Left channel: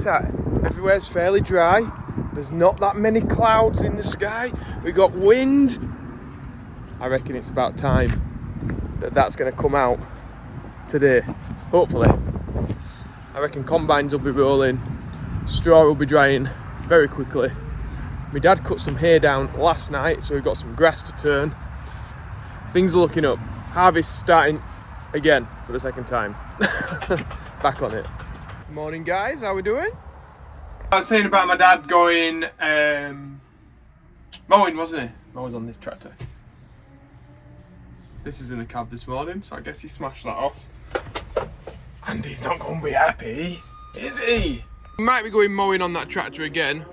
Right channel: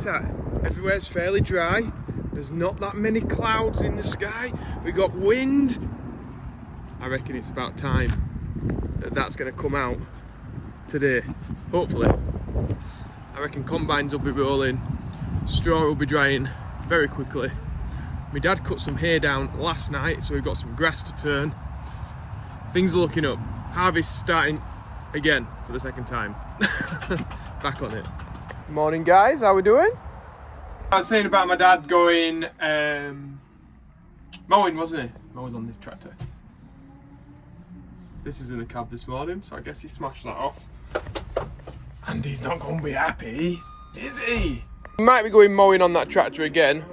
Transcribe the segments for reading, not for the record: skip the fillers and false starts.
it's at. Everywhere's fairly dry. There's not that many clouds in the sky. We got wind. I reckon it's about time that that's going to come out today, hopefully. I reckon combines will be rolling, straw will be drying very quickly. My dad cut some hay down last night, so we've got some grass to turn. Things are looking up. Harvest starting again for the second time. Back on it. Morning guys, how we doing? I was saying about my dad going mowing, wasn't he? Mowing on this tractor. This is in the cab this morning, so I guess he smashed that off. And he's not going to be happy, is he? He might be going mowing on that tractor again.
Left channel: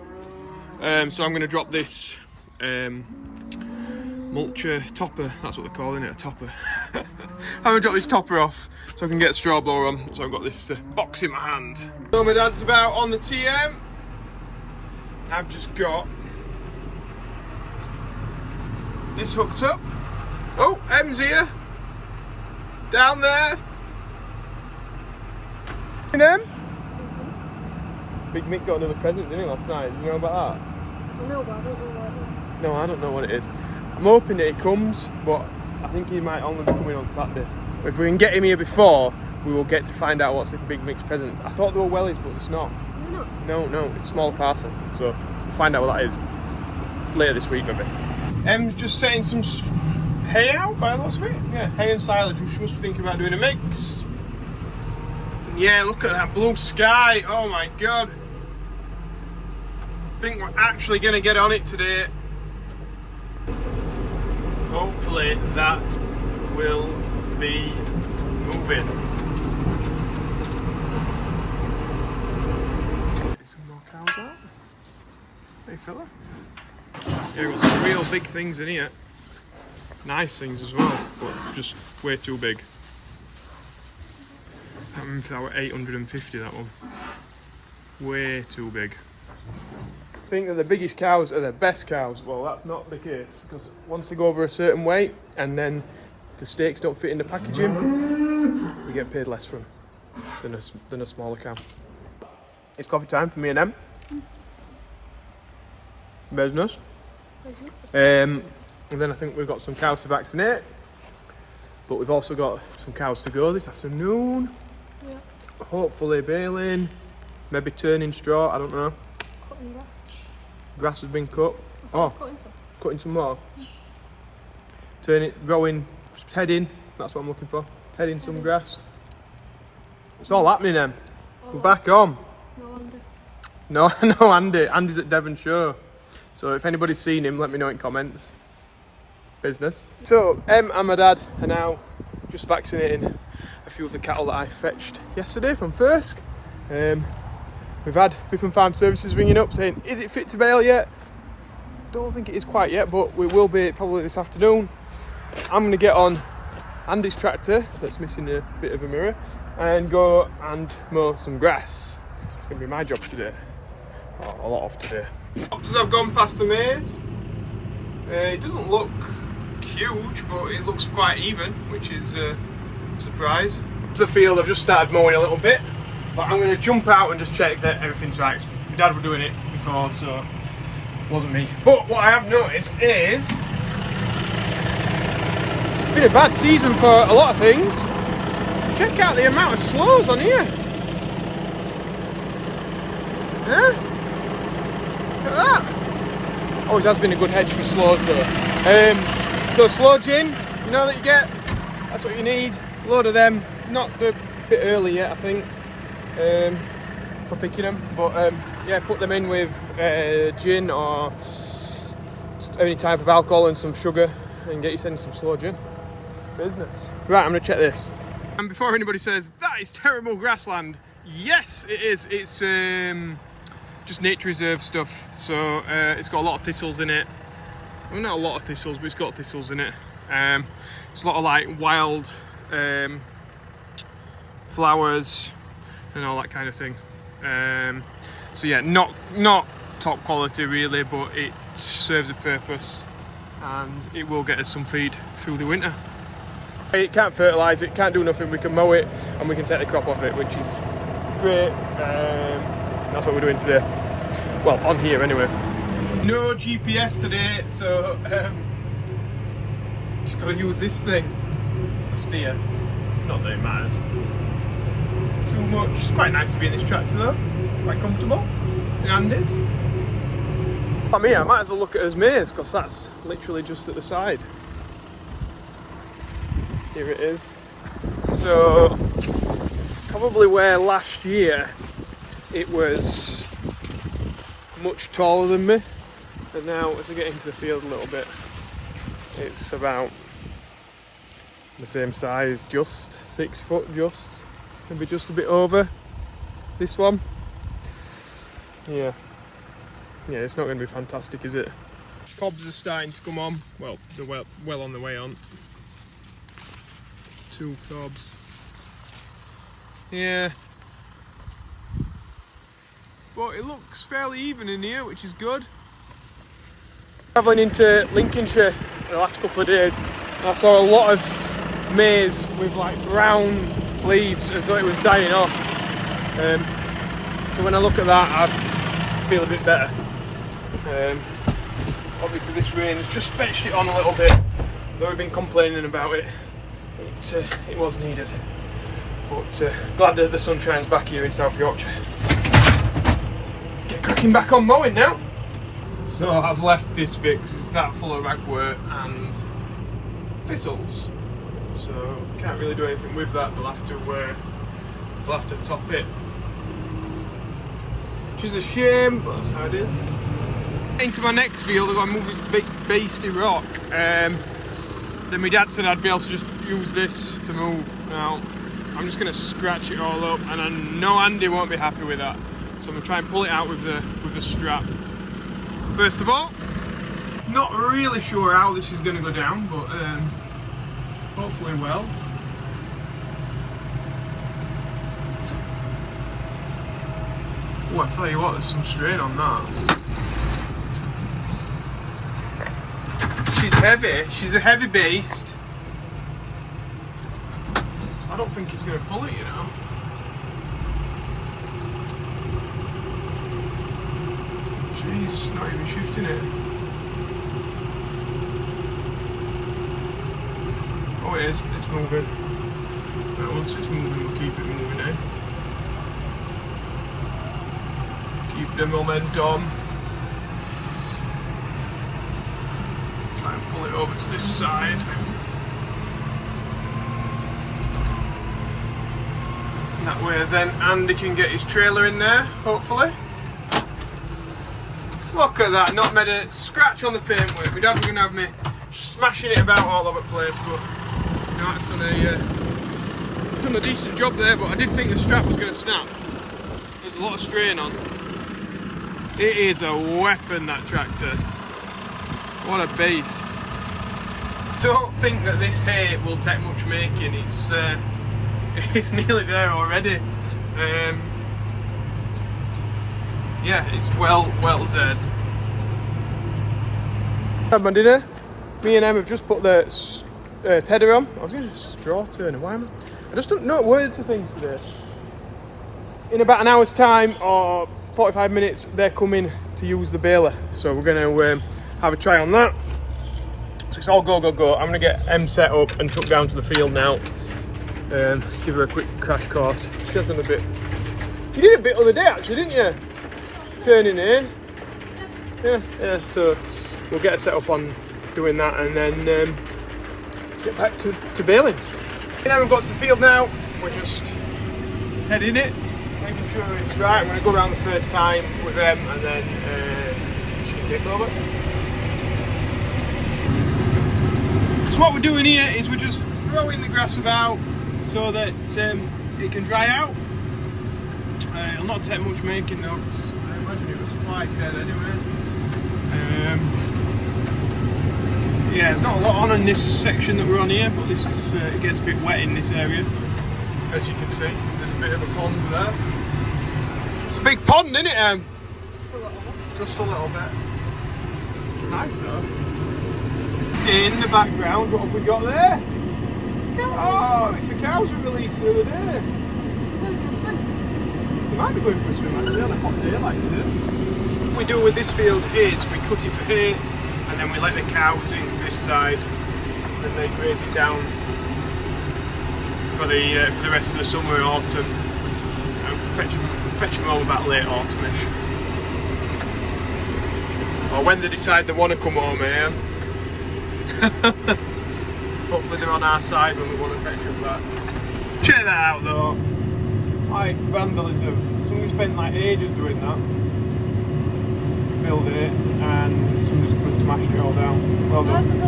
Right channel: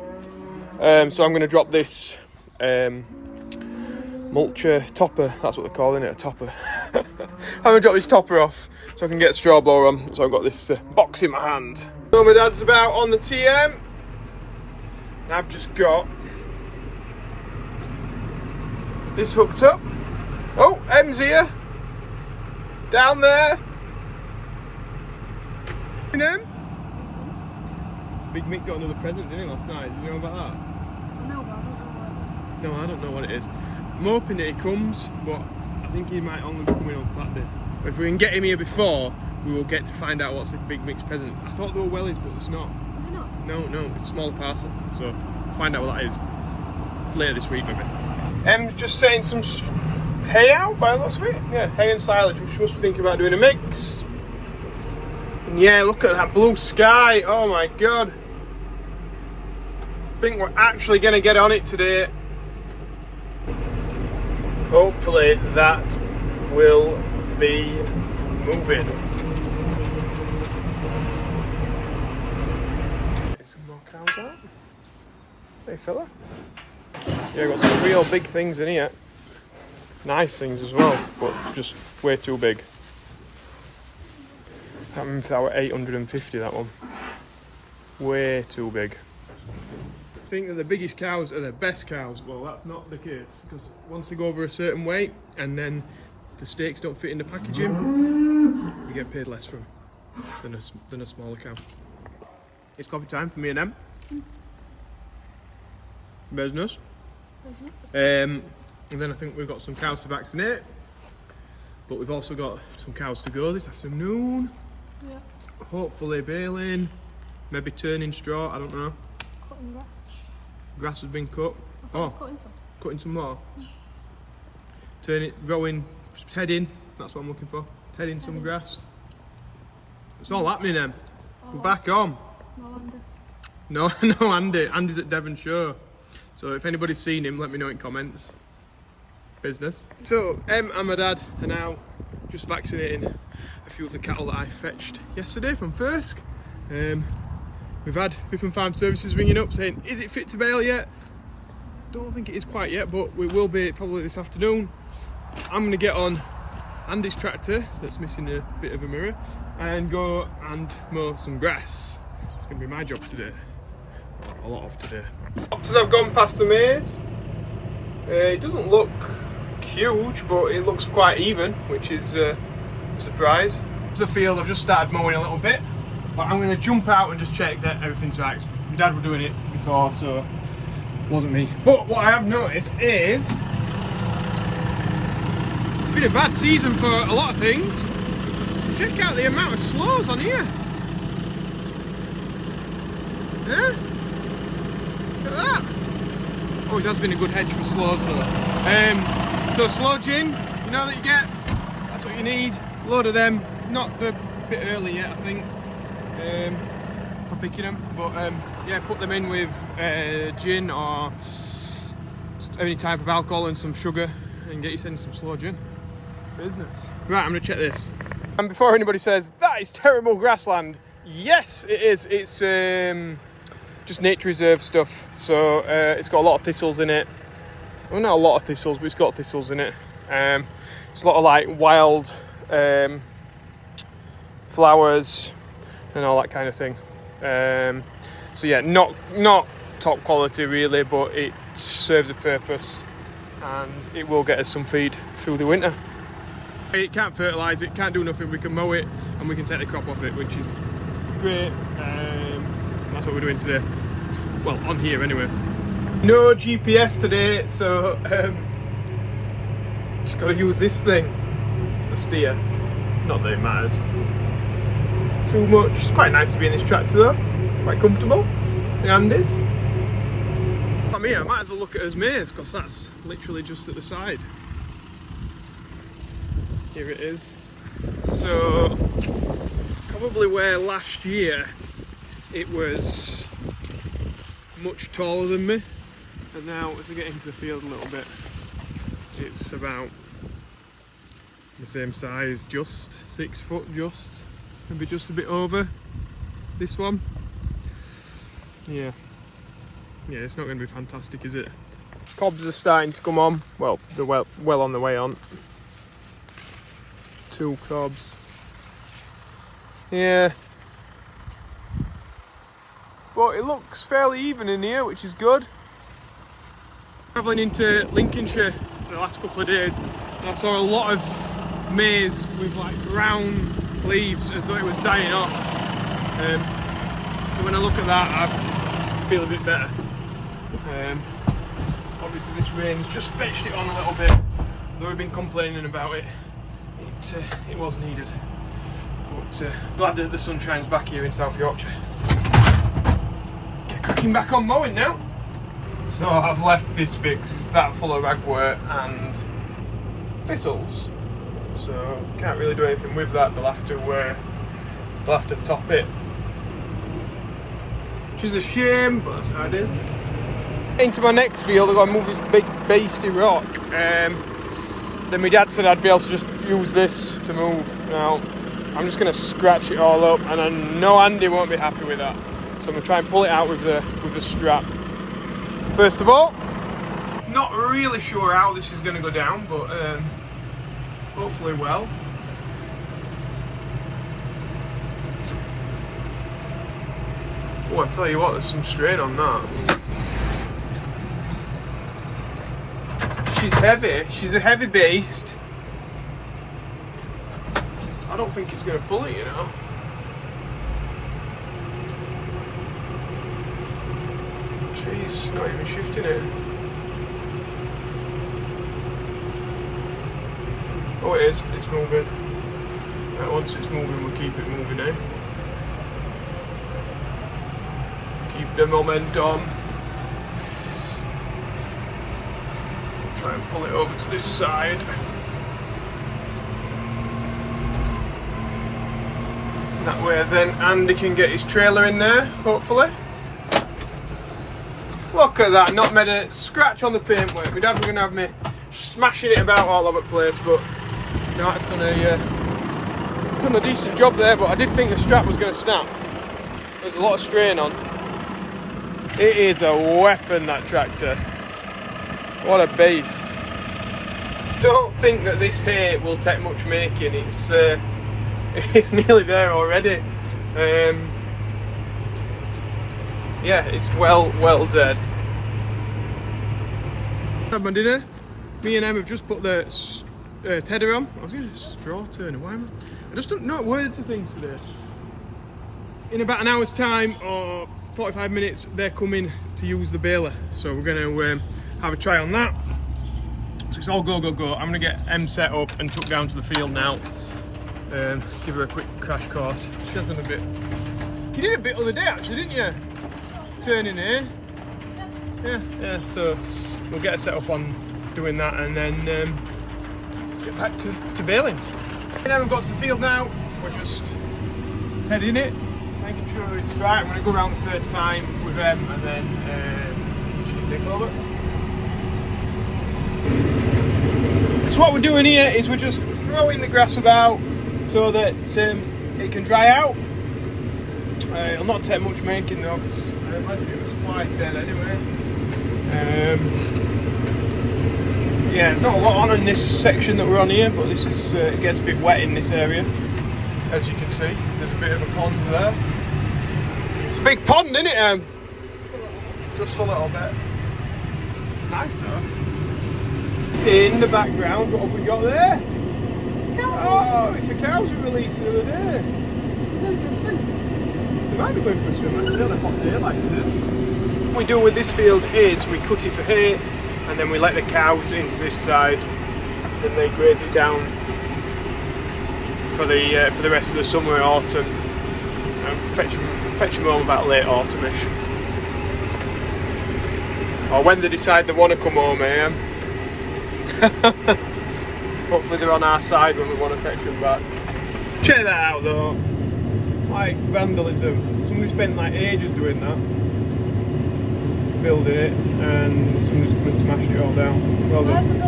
So I'm going to drop this mulcher topper, that's what they're calling it, a topper. I'm going to drop this topper off so I can get a straw blower on. So I've got this box in my hand. So my dad's about on the TM. I've just got this hooked up. Oh, M's here. Down there. M. Big Mick got another present, didn't he, last night? Do you know about that? I know, but I don't know what it is. No, I don't know what it is. I'm hoping that he comes, but I think he might only be coming on Saturday. But if we can get him here before, we will get to find out what's the Big Mick's present. I thought they were wellies, but it's not. They're not? No, it's a small parcel. So we'll find out what that is later this week, maybe. Em's just setting some hay out by the looks of it. Yeah, hay and silage. We're supposed to be thinking about doing a mix. And yeah, look at that blue sky. Oh my god. I think we're actually going to get on it today. Hopefully that will be moving. Get some more cows out. Hey fella. Yeah, got some real big things in here. Nice things as well, but just way too big. I can't remember if that were 850, that one. Way too big. I think that the biggest cows are the best cows. Well, that's not the case, because once they go over a certain weight and then the steaks don't fit in the packaging, you get paid less for them than a smaller cow. It's coffee time for me and them. Business. And then I think we've got some cows to vaccinate, but we've also got some cows to go this afternoon. Yeah. Hopefully baling, maybe turning straw, I don't know. Cutting grass. Grass has been cut. Oh, cutting some more. Turning, growing, heading, that's what I'm looking for. Heading some grass. It's all happening then. We're back on. No, Andy. No, Andy. Andy's at Devonshire. So if anybody's seen him, let me know in comments. Business. So, and my dad are now just vaccinating a few of the cattle that I fetched yesterday from Thirsk. We've had Biffin Farm Services ringing up saying, is it fit to bale yet? Don't think it is quite yet, but we will be probably this afternoon. I'm going to get on Andy's tractor, that's missing a bit of a mirror, and go and mow some grass. It's going to be my job today. Oh, a lot of today. As I've gone past the maze, it doesn't look huge, but it looks quite even, which is a surprise. It's the field, I've just started mowing a little bit, but I'm going to jump out and just check that everything's right. My dad was doing it before, so it wasn't me. But what I have noticed is it's been a bad season for a lot of things. Check out the amount of slows on here. Huh? Look at that. Always has been a good hedge for slows though. So slow gin, you know that you get, that's what you need. A load of them, not the bit early yet I think, for picking them, but yeah, put them in with gin or any type of alcohol and some sugar and get yourself some slow gin. Business. Right, I'm gonna check this. And before anybody says, that is terrible grassland, yes it is, it's just nature reserve stuff, so it's got a lot of thistles in it. Well, not a lot of thistles, but it's got thistles in it. It's a lot of like wild flowers and all that kind of thing. So yeah, not top quality really, but it serves a purpose and it will get us some feed through the winter. It can't fertilise it, can't do nothing, we can mow it and we can take the crop off it, which is great. And That's what we're doing today. Well, on here anyway. No GPS today, so just gotta use this thing to steer. Not that it matters too much. It's quite nice to be in this tractor though. Quite comfortable. The Andes. I mean, I might as well look at his maze because that's literally just at the side. Here it is. So, probably where last year it was much taller than me, and now as I get into the field a little bit, it's about the same size, just 6 foot, just maybe just a bit over this one. Yeah, it's not going to be fantastic, is it? Cobs are starting to come on. Well, they're well on the way on. 2 cobs. Yeah. But it looks fairly even in here, which is good. Travelling into Lincolnshire the last couple of days, and I saw a lot of maize with like brown leaves as though it was dying off. So when I look at that, I feel a bit better. So obviously this rain's just fetched it on a little bit. Though we've been complaining about it, it was needed. But glad that the sun shines back here in South Yorkshire. Get cracking back on mowing now. So I've left this bit because it's that full of ragwort and thistles. So can't really do anything with that. They'll have to top it. Which is a shame, but that's how it is. Into my next field, I've got to move this big beastie rock. Then my dad said I'd be able to just use this to move. Now I'm just going to scratch it all up, and I know Andy won't be happy with that. So I'm going to try and pull it out with the strap. First of all, not really sure how this is going to go down, but hopefully well. Oh, I tell you what, there's some strain on that. She's heavy. She's a heavy beast. I don't think it's going to pull it, you know. Jeez, not even shifting it. Oh, it is. It's moving. Right, once it's moving, we'll keep it moving now. Keep the momentum. Try and pull it over to this side. That way then Andy can get his trailer in there, hopefully. Look at that, not made a scratch on the paintwork. My dad was going to have me smashing it about all over the place, but no, it's done a decent job there, but I did think the strap was going to snap. There's a lot of strain on. It is a weapon, that tractor. What a beast. Don't think that this hay will take much making. It's nearly there already. Yeah, it's well dead. Had my dinner. Me and Em have just put the tedder on. I was going to straw turner. Why am I just don't know words of things today. In about an hour's time or 45 minutes, they're coming to use the baler. So we're going to have a try on that. So it's all go. I'm going to get Em set up and took down to the field now. Give her a quick crash course. She has done a bit. You did a bit the other day actually, didn't you? Turning here. Yeah, so we'll get her set up on doing that and then get back to baling. Now we've got to the field now, we're just heading it, making sure it's right. I'm going to go around the first time with them and then she can take over. So what we're doing here is we're just throwing the grass about so that it can dry out. It'll not take much making though, because I imagine it was quite dead anyway. Yeah, there's not a lot on in this section that we're on here, but this is it gets a bit wet in this area, as you can see. There's a bit of a pond there. It's a big pond, isn't it? Just a little bit. It's nice though. In the background, what have we got there? Oh, it's the cows we released the other day. Might be going for a swim actually on a hot day like today. What we do with this field is we cut it for hay and then we let the cows into this side and they graze it down for the rest of the summer and autumn. Fetch them home about late autumnish. Or when they decide they want to come home, Hopefully they're on our side when we want to fetch them back. Check that out though. Like vandalism. Somebody spent like ages doing that. Building it and somebody's come and smashed it all down. Well done.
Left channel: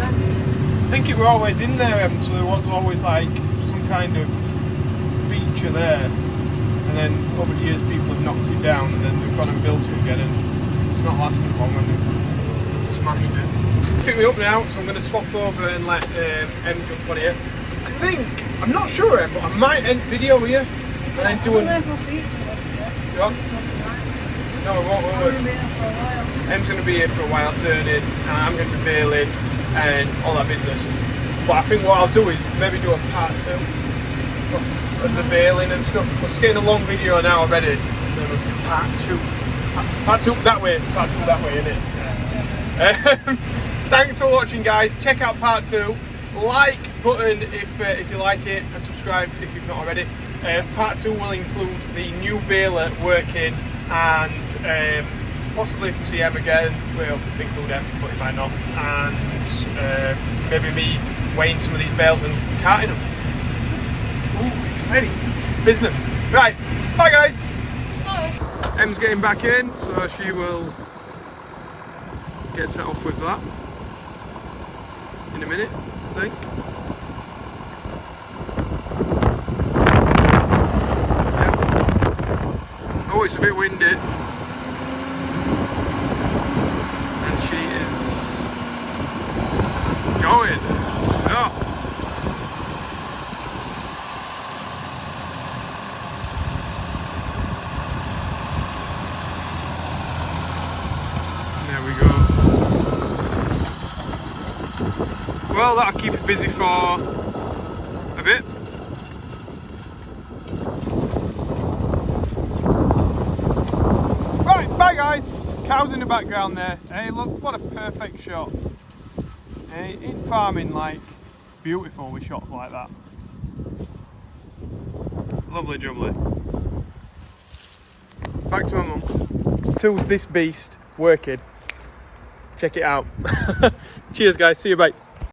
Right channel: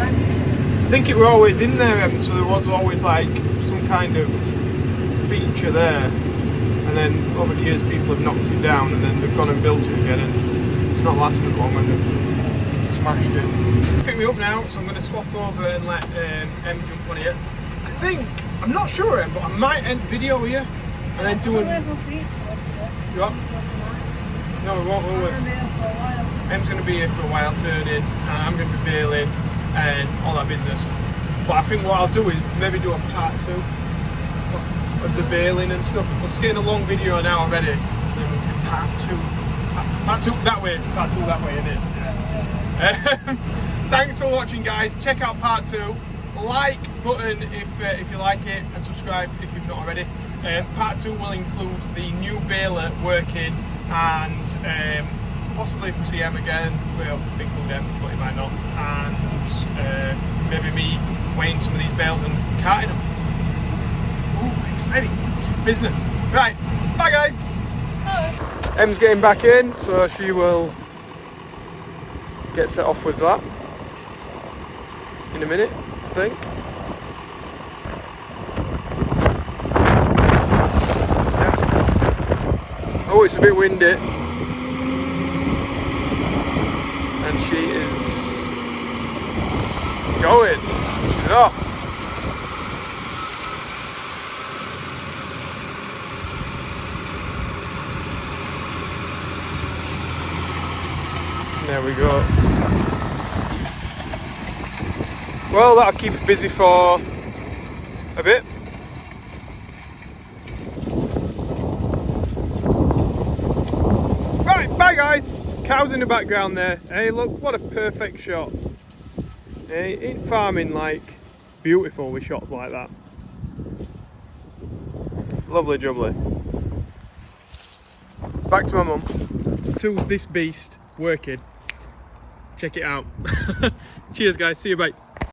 I think it were always in there, so there was always like some kind of feature there. And then over the years people have knocked it down and then they've gone and built it again and it's not lasted long when they've smashed it. Pick me up now, so I'm going to swap over and let M jump on here. I think, I'm not sure Em, but I might end video here and then do a... You what? No, I won't. Em's going to be here for a while turning and I'm going to be bailing and all that business. But I think what I'll do is maybe do a part 2 of the bailing and stuff. It's getting a long video now already, so we'll do part 2. Part 2 that way, part 2 that way, innit? Yeah. Thanks for watching, guys. Check out part 2. Like button if you like it, and subscribe if you've not already. Part 2 will include the new baler working, and possibly if we see Em again, we'll include Em, but it might not. And maybe me weighing some of these bales and carting them. Ooh, exciting business. Right, bye guys. Bye. Em's getting back in, so she will get set off with that in a minute, I think. Yep. Oh, it's a bit windy. And she is going. She's off. There we go. Well, that'll keep it busy for a bit. Right, bye guys. Cows in the background there. Hey, look, what a perfect shot. Hey, in farming, like, beautiful with shots like that. Lovely jubbly. Back to my mum. Tools this beast working. Check it out. Cheers guys, see you, bye.